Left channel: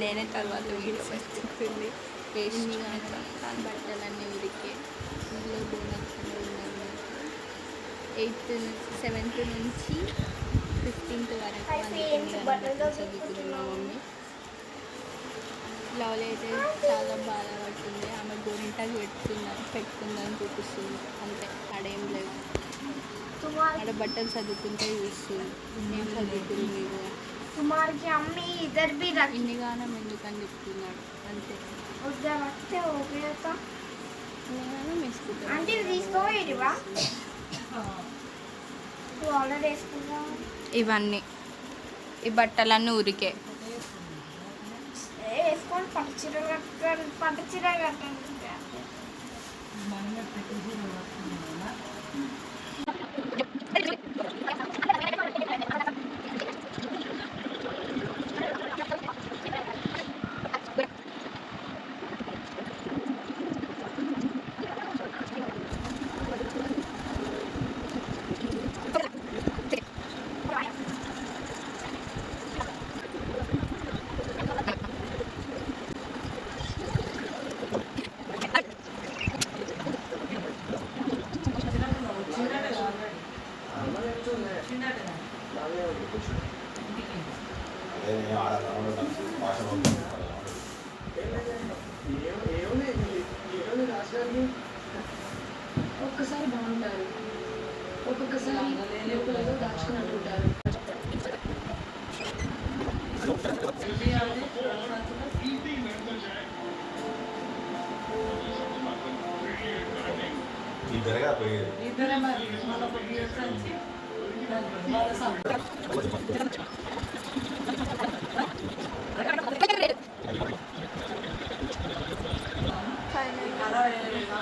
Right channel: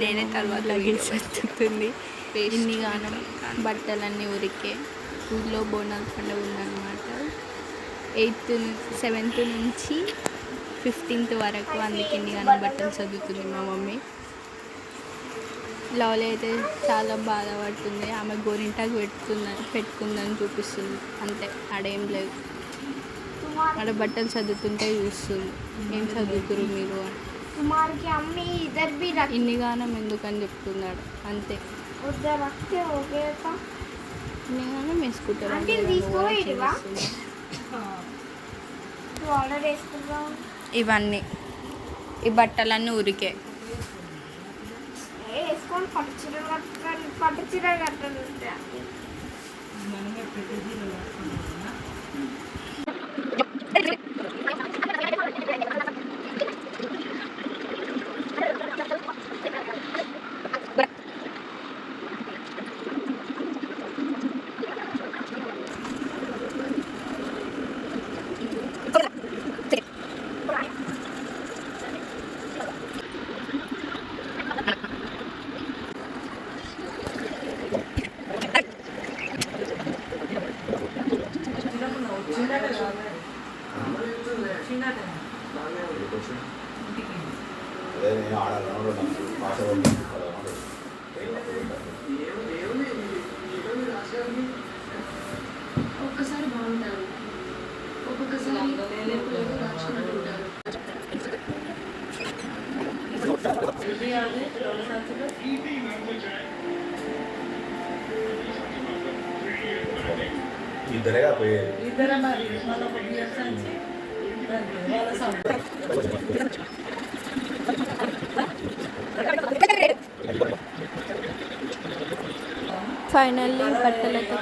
నేనే తర్వాత వస్తుంది. ఇన్నిగానం బట్టలన్నీ ఉరికే. ఊళ్ళో బోనాల పండుగ ఉందన్నమాట. 7th నుంచి 15th వరకు అందుకే ఇన్నిగానం బట్టలు చదువుతుంది మా మమ్మీ. లవ్లీ అయితే చాలా బాధపడుతుంది. ఆమె గోరింటాకు పెట్టుకుందని చూపిస్తుంది. అంతే, ఆడేం లేదు. ఆడ బట్టలు చదువుతుంటే చూస్తుంది. ఏం చదువుతురు మీరు అని. ఇన్నిగానం ఎందుకని చెప్తున్నాడు. అంతే, ఇన్నిగానం వేసుకుంటారు. ఇవన్నీ ఈ బట్టలన్నీ ఉరికే. పట్టు చీర కట్టండి. ఒక్కసారి బాగుంటారు, ఒక్కొక్కసారి దాచుకుంటుంటారు. ఇద్దరే మరి మన ఫైనల్లీ బట్టలైతే